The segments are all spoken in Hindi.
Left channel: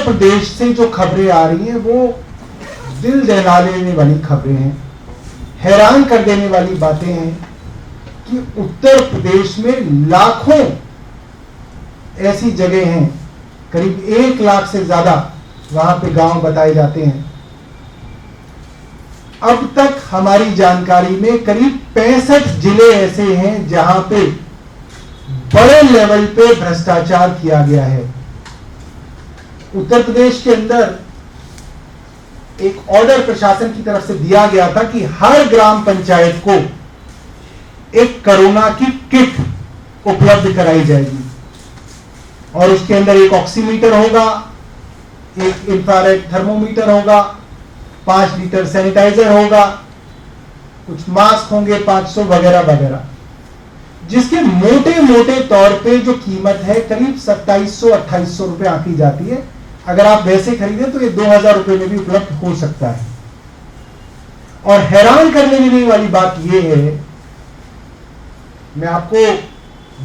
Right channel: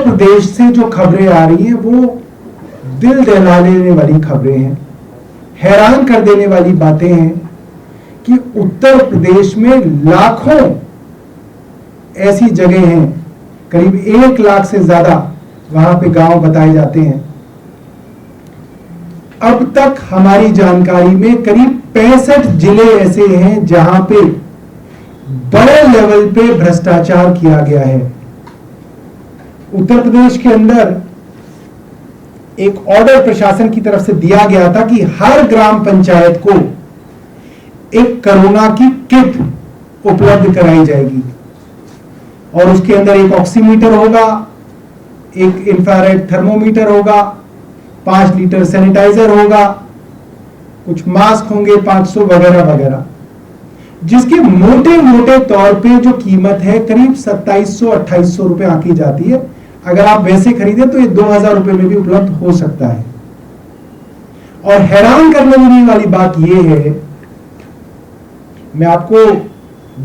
उत्तर प्रदेश से जो खबरें आ रही हैं वो दिल दहला देने वाली खबरें हैं, हैरान कर देने वाली बातें हैं कि उत्तर प्रदेश में लाखों ऐसी जगह हैं, करीब 1 लाख से ज्यादा वहां पे गांव बताए जाते हैं। अब तक हमारी जानकारी में करीब 65 जिले ऐसे हैं जहां पे बड़े लेवल पे भ्रष्टाचार किया गया है। उत्तर प्रदेश के अंदर एक ऑर्डर प्रशासन की तरफ से दिया गया था कि हर ग्राम पंचायत को एक कोरोना की किट उपलब्ध कराई जाएगी और उसके अंदर एक ऑक्सीमीटर होगा, एक इंफ्रारेड थर्मोमीटर होगा, 5 लीटर सैनिटाइजर होगा, कुछ मास्क होंगे 500 वगैरह वगैरह, जिसके मोटे मोटे तौर पे जो कीमत है करीब 2700-2800 रुपए आंकी जाती है। अगर आप वैसे खरीदे तो ये 2000 रुपए में भी उपलब्ध हो सकता है। और हैरान करने देने वाली बात यह है, मैं आपको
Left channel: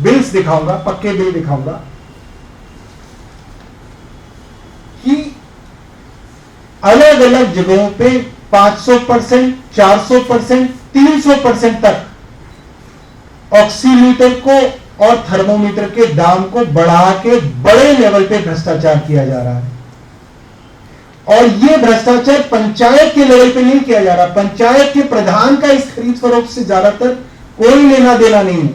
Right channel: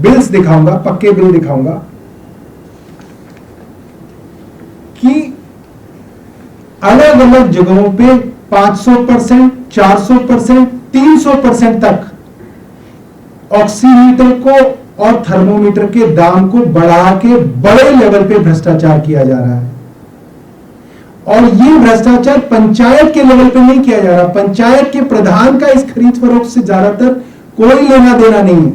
बिल्स दिखाऊंगा, पक्के बिल दिखाऊंगा कि अलग अलग जगहों पे 500%, 400%, 300% तक ऑक्सीमीटर को और थर्मोमीटर के दाम को बढ़ा के बड़े लेवल पे भ्रष्टाचार किया जा रहा है। और ये भ्रष्टाचार पंचायत के लेवल पे नहीं किया जा रहा, पंचायत के प्रधान का इस खरीद फरोख्त से ज्यादातर कोई लेना देना नहीं है।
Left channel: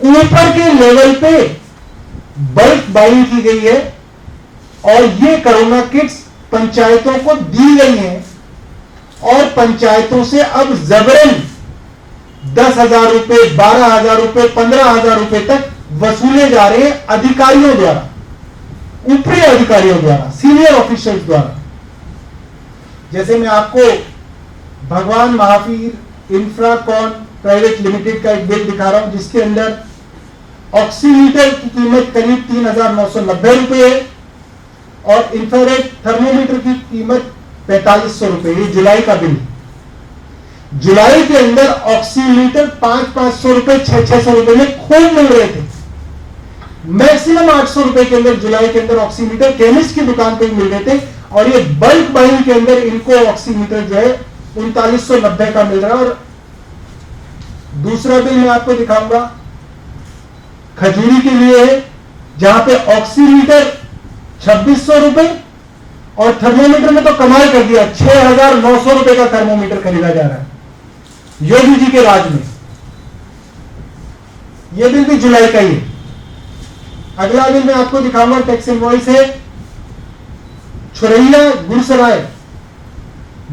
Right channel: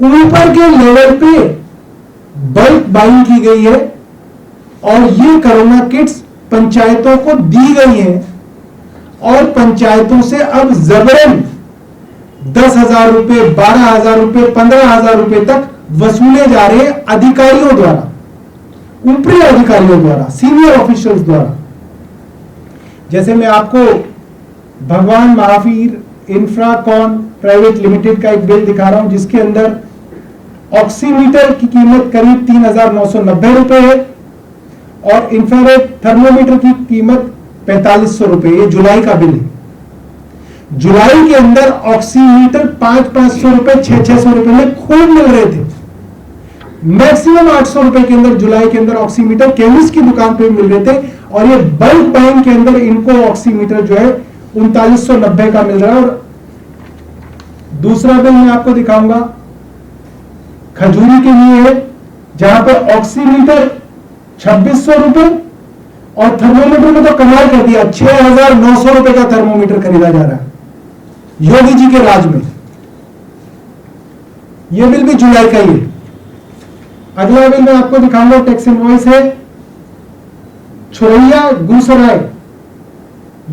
ऊपर के लेवल पे बल्क बाइंग की गई है और ये कोरोना किट्स पंचायतों को दी गई हैं और पंचायतों से अब जबरन 10,000 रुपए, 12,000 रुपए, 15,000 रुपए तक वसूले जा रहे हैं अधिकारियों द्वारा, ऊपरी अधिकारियों द्वारा, सीनियर ऑफिसर्स द्वारा। जैसे मैं आपको भगवान महावीर इंफ्राकॉन प्राइवेट लिमिटेड का एक बिल दिखा रहा हूं जिसके अंदर ऑक्सीमीटर की कीमत करीब 3,990 रुपए है और इंफ्रारेड थर्मोमीटर की कीमत 4500 रुपए। ये जुलाई का बिल। जुलाई के अंदर ऑक्सीमीटर 500-500 रुपए, 600-600 रुपए में खूब मिल रहे थे। मैक्सिमम 800 रुपए के अंदर जुलाई के अंदर ऑक्सीमीटर केमिस्ट की दुकान पे मिल रहे थे और ये बल्क बाइंग के अंदर इनको ऑक्सीमीटर जो है 3990 का मिल रहा है। और दूसरा बिल मैं आपको दिखाऊंगा खजूरी के लिए है जहां पे ऑक्सीमीटर 2600 रुपए और थर्मोमीटर में तो कमाल कर दिया, 6,900 रुपए का थर्मोमीटर खरीदा जा रहा है योगी जी के राज में। यह बिल भी जुलाई का ही। अगला बिल मैं आपको दिखाऊंगा टैक्स इनवॉइस है छुरैया गुरसराय,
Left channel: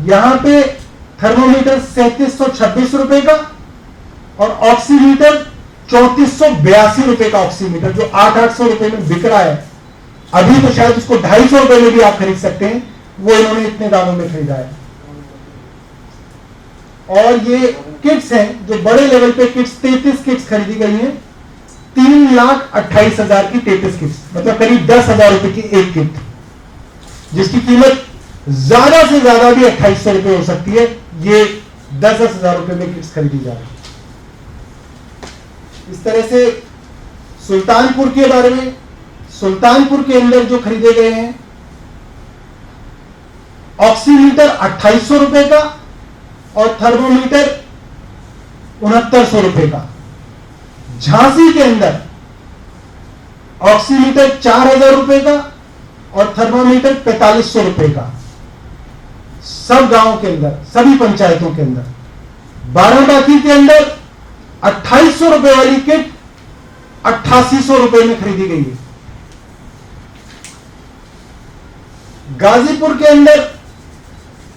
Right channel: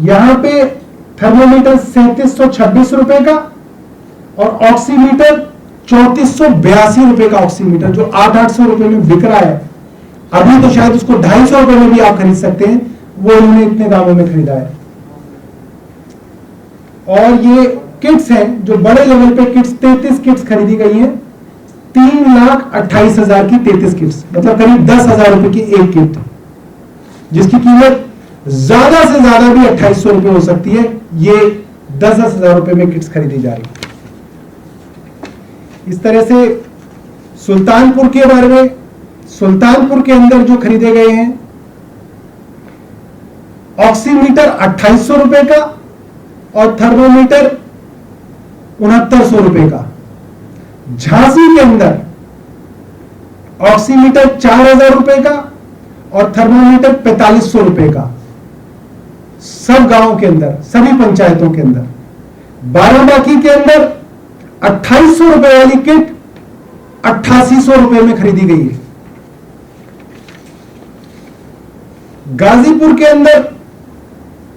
यहां पे थर्मोमीटर 3726 रुपए का और ऑक्सीमीटर 3482 रुपए का ऑक्सीमीटर जो 800 रुपए में बिक रहा है। अभी तो शायद उसको 250 रुपए में भी आप खरीद सकते हैं, वो इन्होंने इतने दामों में खरीदा है। और ये किट्स हैं जो बड़े लेवल पे किट्स, 33 किट्स खरीदी गई हैं, 3,28,000 की 33 किट्स, मतलब करीब 10,000 रुपए की एक किट, जिसकी कीमत ज्यादा से ज्यादा भी 2800 रुपए हो सकती है। ये 10,000 रुपए में किट्स खरीदी जा रही। इस तरह से सुल्तानपुर के बारे में, सुल्तानपुर के अंदर जो खरीदे गए हैं ऑक्सीमीटर 2800 रुपए का और थर्मोमीटर 6900 रुपए का। झांसी के अंदर ऑक्सीमीटर 4,000 रुपए का और थर्मोमीटर 4500 रुपए का। सब गांवों के अंदर, सभी पंचायतों के अंदर। बाराबांकी के अंदर 2800 रुपए वाली किट 8800 रुपए में खरीदी गई है। गाजीपुर के अंदर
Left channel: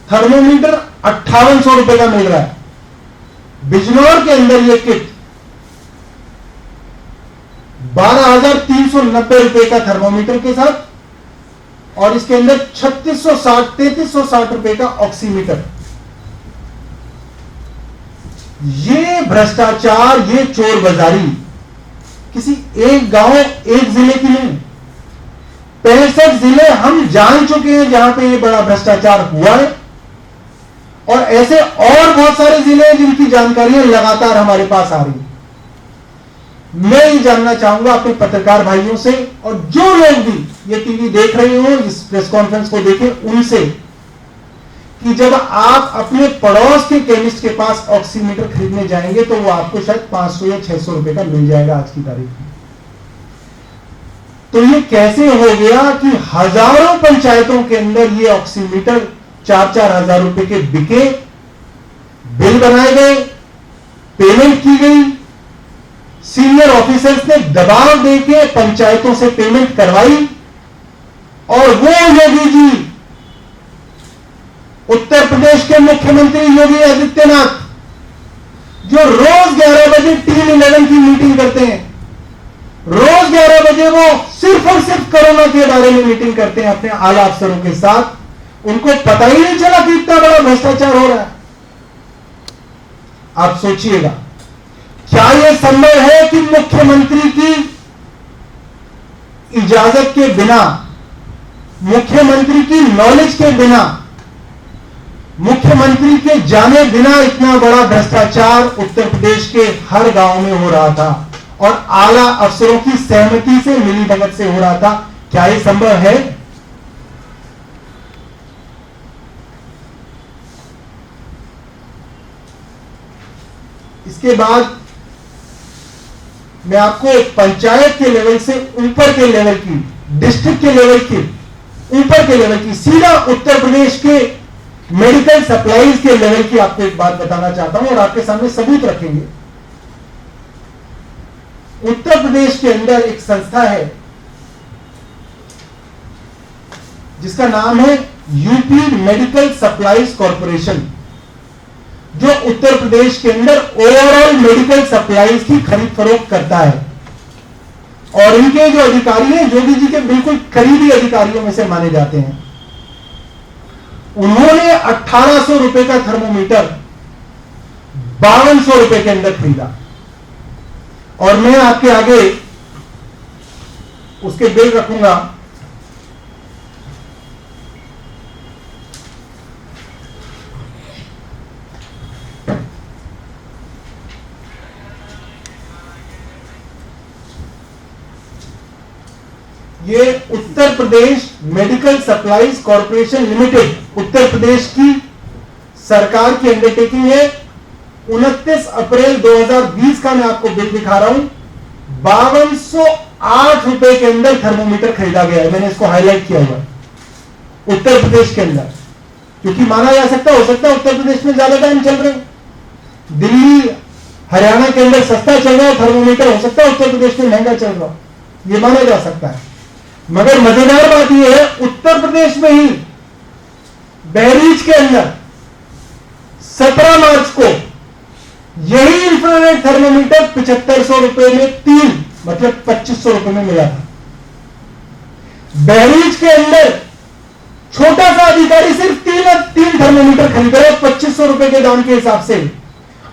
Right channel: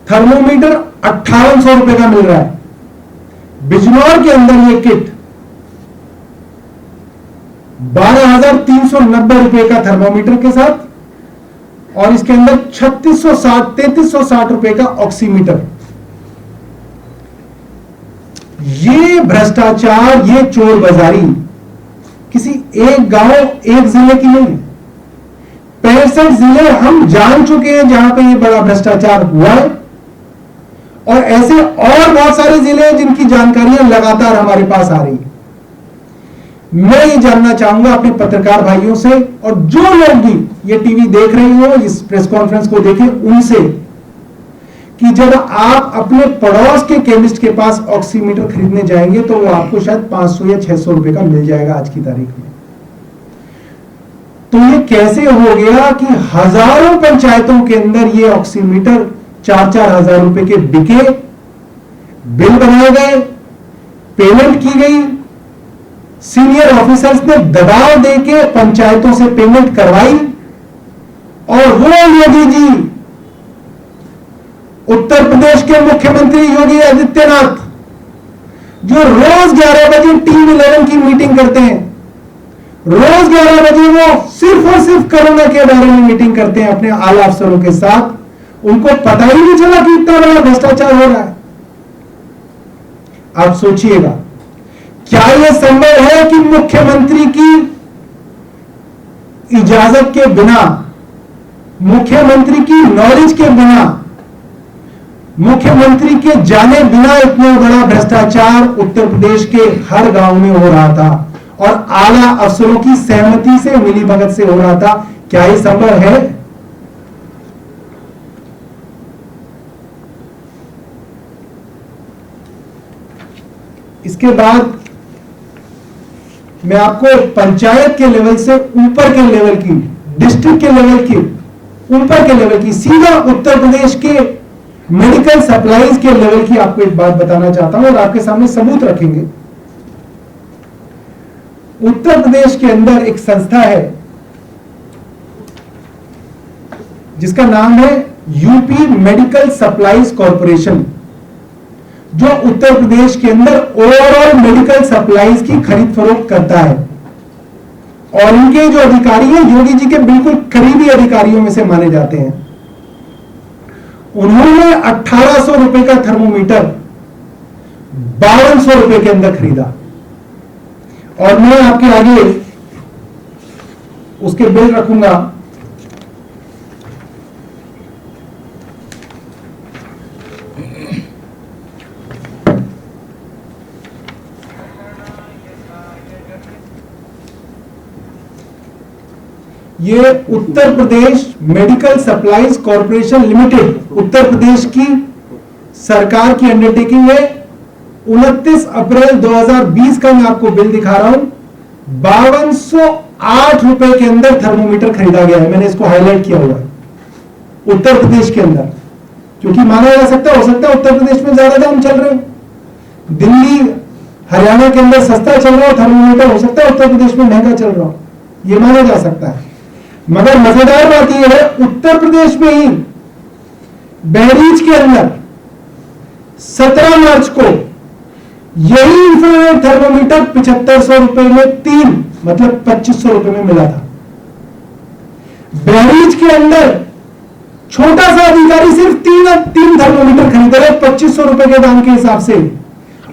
थर्मोमीटर 5800 रुपए का मिल रहा है। बिजनौर के अंदर यह किट 12,390 रुपए का थर्मोमीटर के साथ और इसके अंदर 3360 रुपए का ऑक्सीमीटर। ये भ्रष्टाचार, ये चोर बाजारी किसी एक गांव, एक जिले की नहीं, 65 जिले हम जान चुके हैं जहां पे ये बड़ा भ्रष्टाचार हुआ है और ऐसे और बहुत सारे जिले हैं जिनकी जानकारियां लगातार हमारे पास आ रही हैं। मैं ये जानना चाहूंगा अपने पत्रकार भाइयों से और जो लोग भी ये टीवी देख रहे हो, इस प्रेस कॉन्फ्रेंस को देखें, उनसे कि जब आप अपने पड़ोस के केमिस्ट के पास ऑक्सीमीटर खरीदने जाएंगे तो वो आपको शायद 500 या 600 रुपए का मिल जाएगा आज की तारीख में। तो ये कैसे हो गया कि हजारों पंचायतों के अंदर ये ऑक्सीमीटर 4-4 हजार रुपए के बिके, बिल बनाए गए, पेमेंट की गई, सीनियर ऑफिसर्स ने दबाव देके पंचायतों से पेमेंट करवाई और वो योगी जी, उत्तर प्रदेश के मुख्यमंत्री योगी आदित्यनाथ, जो रोज 11 बजे टीम 11 की मीटिंग करते हैं, रोज 11 बजे वो सिर्फ और सिर्फ कोरोना के बारे में मीटिंग करते हैं अपने आला अफसरों के साथ, उनको पता ही नहीं चला कि इतना बड़ा भ्रष्टाचार हो रहा है। आप सोचिएगा, क्या यह संभव है कि मुख्यमंत्री की इजाजत के बिना, मुख्यमंत्री की नॉलेज के बिना, मुख्यमंत्री के जाने बिना इतना बड़ा भ्रष्टाचार उत्तर प्रदेश के हर गांव में हो रहा था और आला अफसरों की सहमति से, मिलीभगत से हो रहा था? क्या यह संभव है? इसके बाद मैं आपको पंचायत के लेवल से ऊपर के लेवल की, डिस्ट्रिक्ट के लेवल की, ऊपर के लेवल की, सीधा उत्तर प्रदेश के मेडिकल सप्लाईज के लेवल की आपको एक बात बताना चाहता हूं और आपके सामने सबूत रखेंगे। उत्तर प्रदेश के अंदर एक संस्था है जिसका नाम है यूपी मेडिकल सप्लाईज कॉर्पोरेशन, जो उत्तर प्रदेश के अंदर ओवरऑल मेडिकल सप्लाईज की खरीद फरोख्त करता है और उनके जो अधिकारी हैं योगी जी के बिल्कुल करीबी अधिकारियों में से माने जाते हैं। उन्होंने 1800 रुपए का थर्मोमीटर 5200 रुपए के अंदर खरीदा और मैं आपके आगे उसके बिल रखूंगा। ये Uttar Pradesh medical supplies corporation limited, Uttar Pradesh की सरकार की अंडरटेकिंग है। 29 अप्रैल 2020 का मैं आपको बिल दिखा रहा हूं। 5208 रुपए के अंदर थर्मोमीटर खरीदा गया है। मैंने इसको हाईलाइट किया हुआ उत्तर प्रदेश के अंदर, क्योंकि माना जा सकता हो सकता है उत्तर प्रदेश में ज्यादा दाम चल रहे, दिल्ली हरियाणा के अंदर सस्ता चल रहा है थर्मोमीटर, हो सकता है उत्तर प्रदेश में महंगा चल रहा हो, यह माना जा सकता है। मगर मजेदार बात यह है उत्तर प्रदेश में ही बहरीच के अंदर 17 मार्च को यही इंफ्रारेड थर्मोमीटर 7500 रुपए में 3, मतलब 2500 रुपए में मिला था। बहरीच के अंदर छोटा सा अधिकारी सिर्फ 3 थर्मोमीटर खरीद रहे 2500 रुपए के दाम के हिसाब से,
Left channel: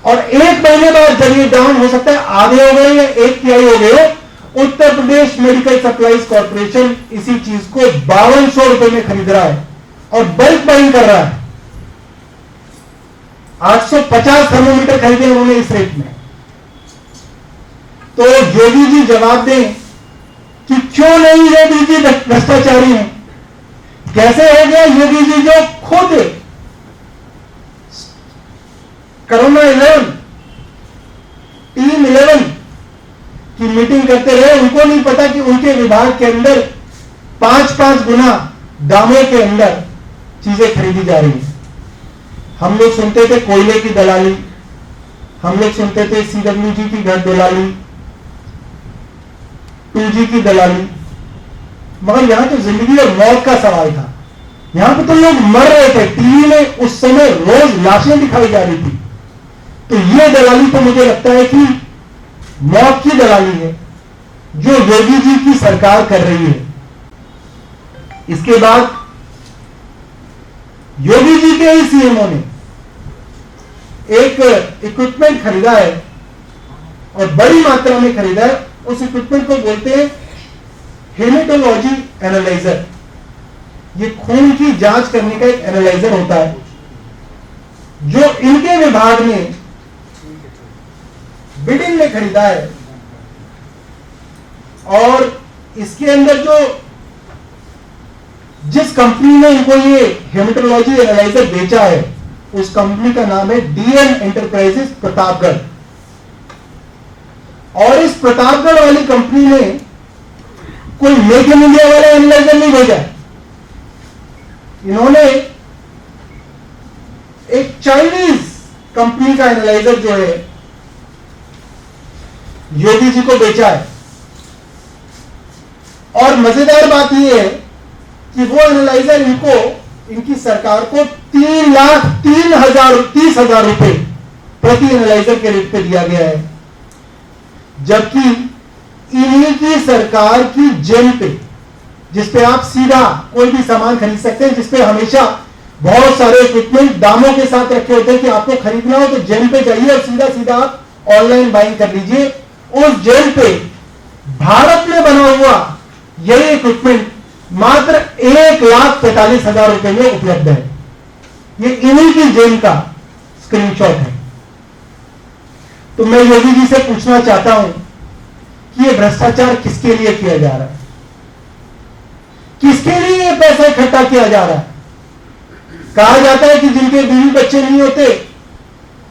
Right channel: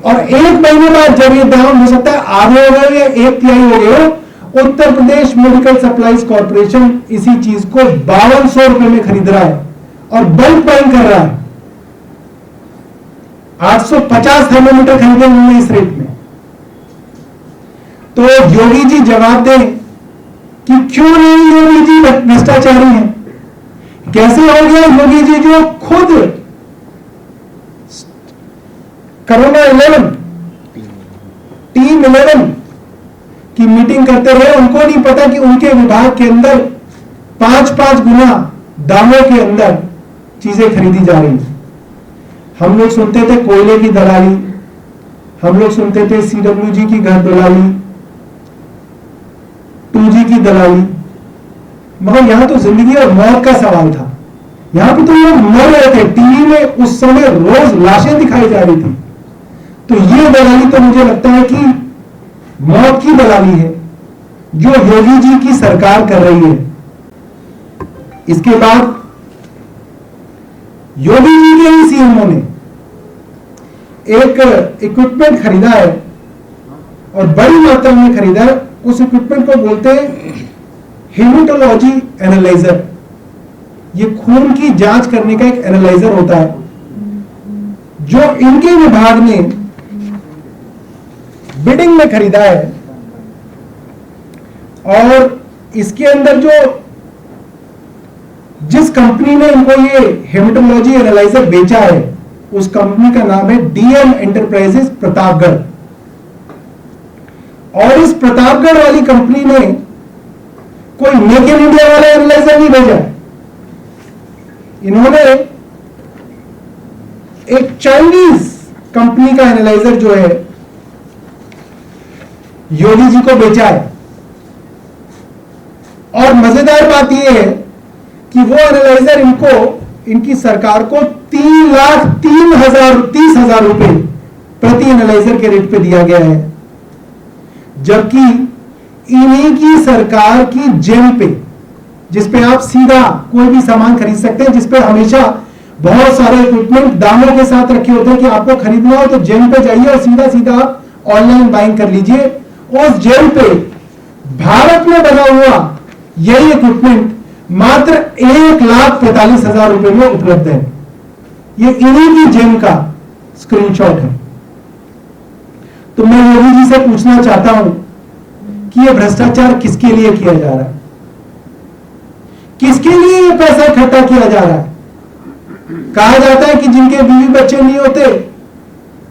और एक महीने बाद जब ये दाम हो सकता है आधे हो गए या 1/3 हो गए, Uttar Pradesh medical supplies corporation इसी चीज को 5200 रुपए में खरीद रहा है और बल्क बाइंग कर रहा है। 850 थर्मोमीटर खरीदे उन्होंने इस रेट में। तो योगी जी जवाब दें कि क्यों नहीं योगी जी भ्रष्टाचारी हैं? कैसे हो गया योगी जी जो खुद कोरोना 11 टीम 11 की मीटिंग करते रहे, उनको नहीं पता कि उनके विभाग के अंदर 5-5 गुना दामों के अंदर चीजें खरीदी जा रही हैं। हम लोग सुनते थे कोयले की दलाली, हम लोग सुनते थे सीडब्ल्यूजी की घर दलाली, 2G की दलाली, मगर यहां तो जिंदगी और मौत का सवाल था। यहां पर तो लोग मर रहे थे, टीवी में उस समय रोज लाशें दिखाई जा रही थी। तो ये दलाली तो मुझे लगता है कि मौत की दलाली है जो योगी जी की सरकार कर रही है। इसके बाद योगी जी के ही सीएमओ ने एक इक्विपमेंट खरीदा है और बड़ी मात्रा में खरीदा है। उस इक्विपमेंट को बोलते हैं हेमेटोलॉजी एनालाइजर। ये खून की जांच करने का एक एनालाइजर होता है जो इनके विभाग ने बिडिंग में खरीदा है और इसके अंदर जो जिस कंपनी ने इनको ये हेमेटोलॉजी एनालाइजर बेचा है उस कंपनी का नाम है डीएम एंटरप्राइजेस प्रतापगढ़। और इस प्रतापगढ़ वाली कंपनी ने कोई मेक इन इंडिया वाला एनालाइजर नहीं भेजा, इन्होंने एक चाइनीज कंपनी का एनालाइजर जो है योगी जी को बेचा है। और मजेदार बात यह है कि वो एनालाइजर इनको इनकी सरकार को 3,30,000 रुपए प्रति एनालाइजर के रेट पे दिया गया है, जबकि इन्हीं की सरकार की जेल पे, जिसपे आप सीधा कोई भी सामान खरीद सकते हैं, जिसपे हमेशा बहुत सारे इक्विपमेंट दामों के साथ रखे होते हैं कि आपको खरीदना हो तो जेल पे जाइए और सीधा सीधा ऑनलाइन बाइंग कर लीजिए। उस जेल पे भारत में बना हुआ यही इक्विपमेंट मात्र 1,45,000 रुपए में उपलब्ध है। ये इन्हीं की जेल का स्क्रीनशॉट है। तो मैं योगी जी से पूछना चाहता हूं कि ये भ्रष्टाचार किसके लिए किया जा रहा है, किसके लिए ये पैसा इकट्ठा किया जा रहा है। कहा जाता है कि जिनके बीवी बच्चे नहीं होते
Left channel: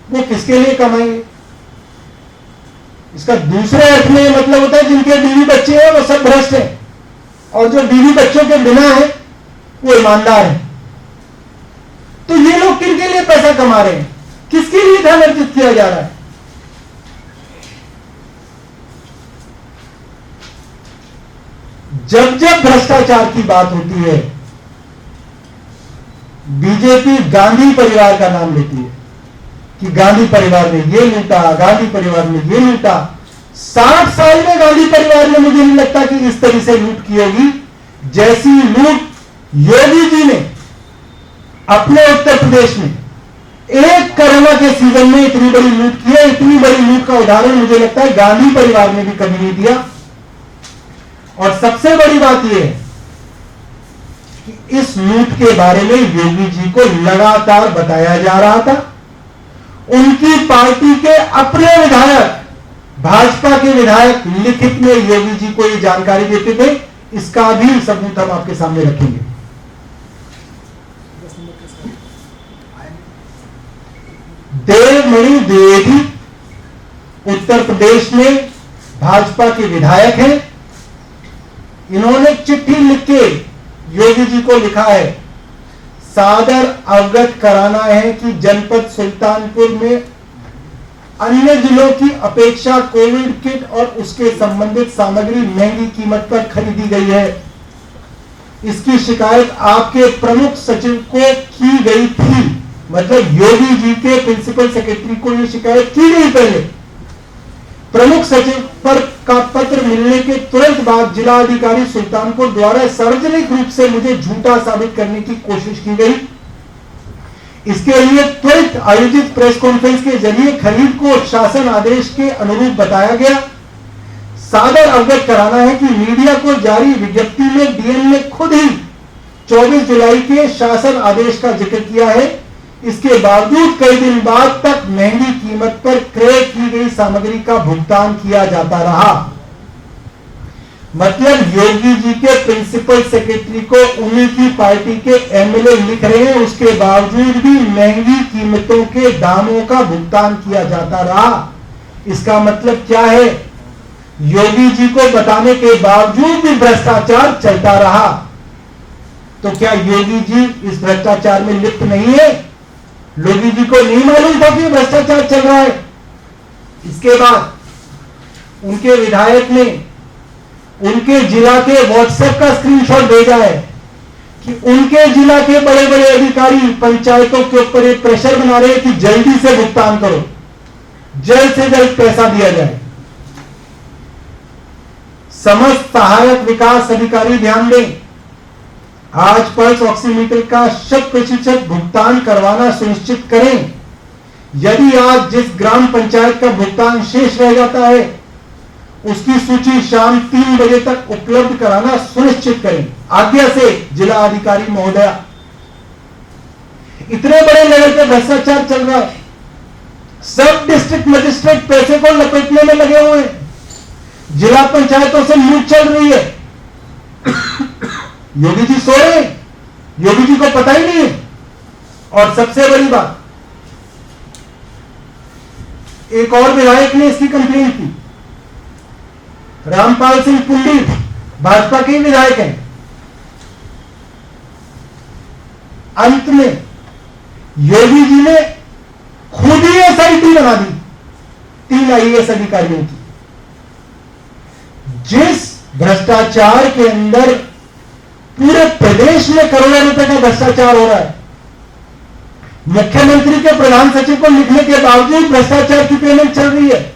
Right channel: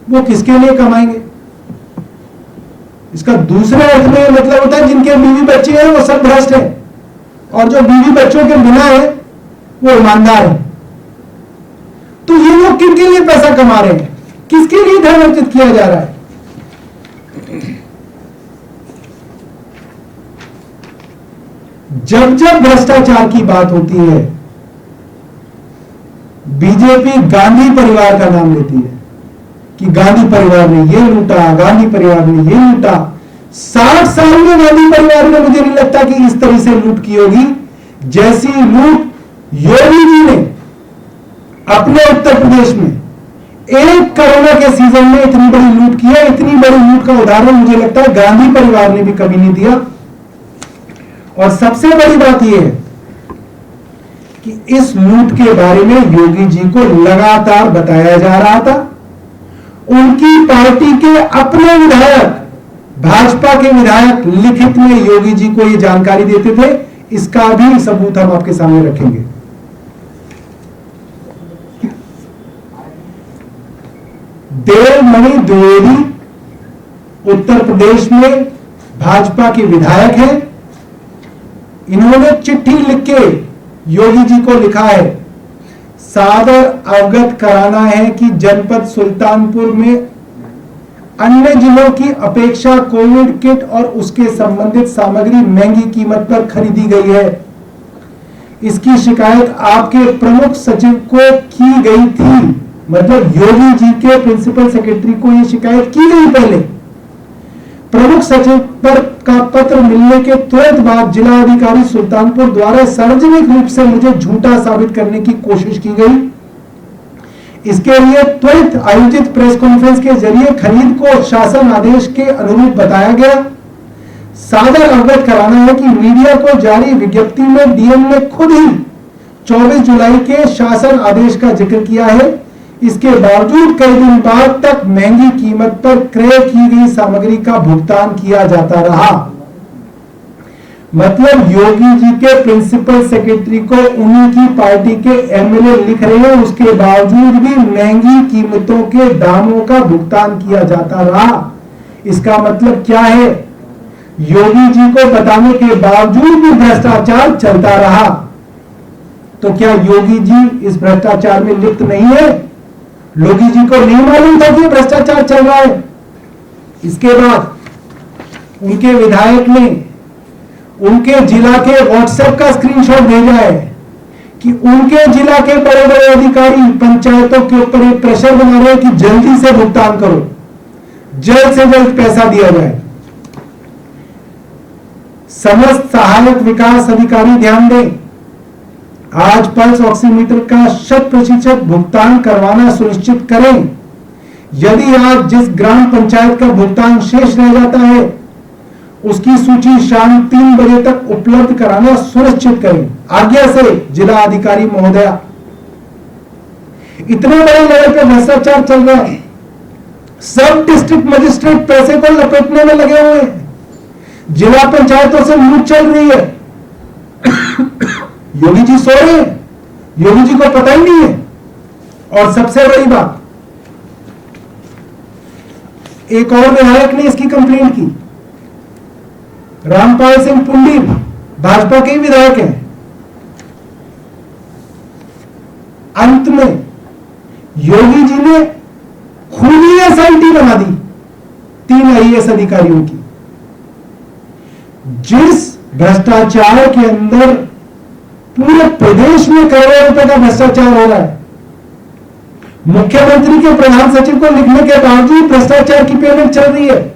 वो किसके लिए कमाएंगे। इसका दूसरे अर्थ में मतलब होता है जिनके बीवी बच्चे हैं वो सब भ्रष्ट है, और जो बीवी बच्चों के बिना है वो ईमानदार है। तो ये लोग किनके लिए पैसा कमा रहे हैं, किसके लिए धन अर्जित किया जा रहा है। जब जब भ्रष्टाचार की बात होती है बीजेपी गांधी परिवार का नाम लेती है कि गांधी परिवार ने ये लूटा, गांधी परिवार ने ये लूटा। 60 साल में गांधी परिवार में मुझे नहीं लगता कि इस तरह से लूट की होगी जैसी लूट योगी जी ने अपने उत्तर प्रदेश में एक कोरोना के सीजन में इतनी बड़ी लूट की है। इतनी बड़ी लूट का उदाहरण मुझे लगता है गांधी परिवार ने भी कभी नहीं दिया। और सबसे बड़ी बात यह है कि इस लूट के बारे में योगी जी को लगातार बताया जा रहा था। उनकी पार्टी के अपने विधायक, भाजपा के विधायक लिखित में योगी जी को यह जानकारी देते थे। इसका भी सबूत हम आपके सामने रखेंगे। देवमणि द्विवेदी उत्तर प्रदेश में भाजपा के विधायक हैं। इन्होंने चिट्ठी लिख के योगी जी को लिखा है, सादर अवगत कराना है कि जनपद सुल्तानपुर में अन्य जिलों की अपेक्षा कोविड किट और उसके संबंधित सामग्री महंगी कीमत पर खरीदी गई है। इसकी शिकायत आपके प्रमुख सचिव को की गई थी। मतलब योगी जी के प्रिंसिपल सेक्रेटरी को यह शिकायत की नहीं पहले। प्रमुख सचिव पर का पत्र मिलने के तुरंत बाद जिला अधिकारी सुल्तानपुर द्वारा सार्वजनिक रूप से मुझे झूठा साबित करने की कोशिश की गई। इसके लिए त्वरित आयोजित प्रेस कॉन्फ्रेंस के जरिए खरीद को शासन आदेश के अनुरूप बताया गया। सादर अवगत कराना है कि मीडिया को जारी विज्ञप्ति में डीएम ने खुद ही 24 जुलाई के शासन आदेश का जिक्र किया है। इसके बावजूद कई दिन बाद तक महंगी कीमत पर क्रय की गई सामग्री का भुगतान किया जाता रहा। मतलब योगी जी के प्रिंसिपल सेक्रेटरी को उन्हीं की पार्टी के एमएलए लिख रहे हैं, उसके बावजूद भी महंगी कीमतों के दामों का भुगतान किया जाता रहा। इसका मतलब क्या है, योगी जी को बताने के बावजूद भी भ्रष्टाचार चलता रहा। तो क्या योगी जी इस भ्रष्टाचार में लिप्त नहीं है? योगी जी को नहीं मालूम था कि भ्रष्टाचार चल रहा है? इसके बाद उनके विधायक ने उनके जिला के व्हाट्सएप का स्क्रीनशॉट भेजा है कि उनके जिला के बड़े बड़े अधिकारी पंचायतों के ऊपर एक प्रेशर बना रहे हैं कि जल्दी से भुगतान करो, जल्द से जल्द पैसा दिया जाए। समस्त सहायक विकास अधिकारी ध्यान दें, आज पल्स ऑक्सीमीटर का 100% भुगतान करवाना सुनिश्चित करें। यदि आज जिस ग्राम पंचायत का भुगतान शेष रह जाता है उसकी सूची शाम 3 बजे तक उपलब्ध कराना सुनिश्चित करें। आज्ञा से जिला अधिकारी महोदया। इतने बड़े लेवल पर भ्रष्टाचार चल रहा है, सब डिस्ट्रिक्ट मजिस्ट्रेट पैसे को लपेटने में लगे हुए हैं। जिला पंचायतों से लूट चल रही है। योगी जी सो रहे हैं, योगी जी को पता ही नहीं है। और सबसे बड़ी बात, एक और विधायक ने इसकी कंप्लेन की, रामपाल सिंह पुंडीर, भाजपा के ही विधायक हैं। अंत में योगी जी ने खुद ही एसआईटी बना दी 3 आईएएस अधिकारियों की। जिस भ्रष्टाचार के अंदर पूरे प्रदेश में करोड़ों रुपए का भ्रष्टाचार हो रहा है, मुख्यमंत्री के प्रधान सचिव को लिखने के बावजूद भ्रष्टाचार की पेमेंट चल रही है।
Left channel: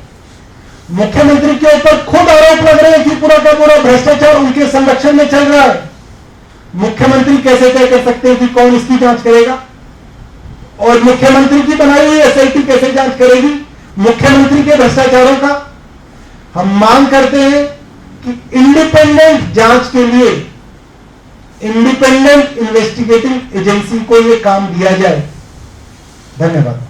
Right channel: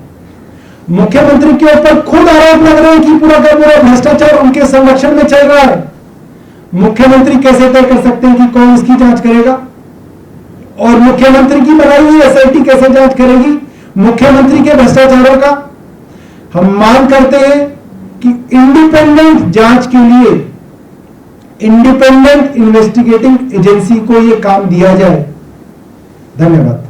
मुख्यमंत्री के ऊपर खुद आरोप लग रहे हैं कि पूरा का पूरा भ्रष्टाचार उनके संरक्षण में चल रहा है। मुख्यमंत्री कैसे तय कर सकते हैं कि कौन इसकी जांच करेगा? और मुख्यमंत्री की बनाई हुई एसआईटी कैसे जांच करेगी मुख्यमंत्री के भ्रष्टाचारों का? हम मांग करते हैं कि इंडिपेंडेंट जांच के लिए इंडिपेंडेंट इन्वेस्टिगेटिंग एजेंसी को यह काम दिया जाए। धन्यवाद।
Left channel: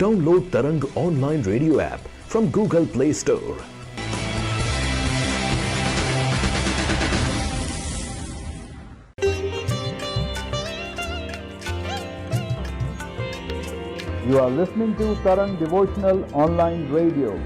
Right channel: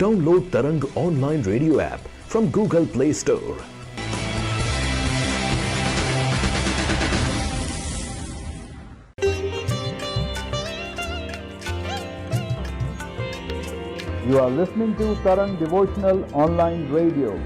Download Tarang online radio app from Google Play Store. You are listening to Tarang Devotional Online Radio.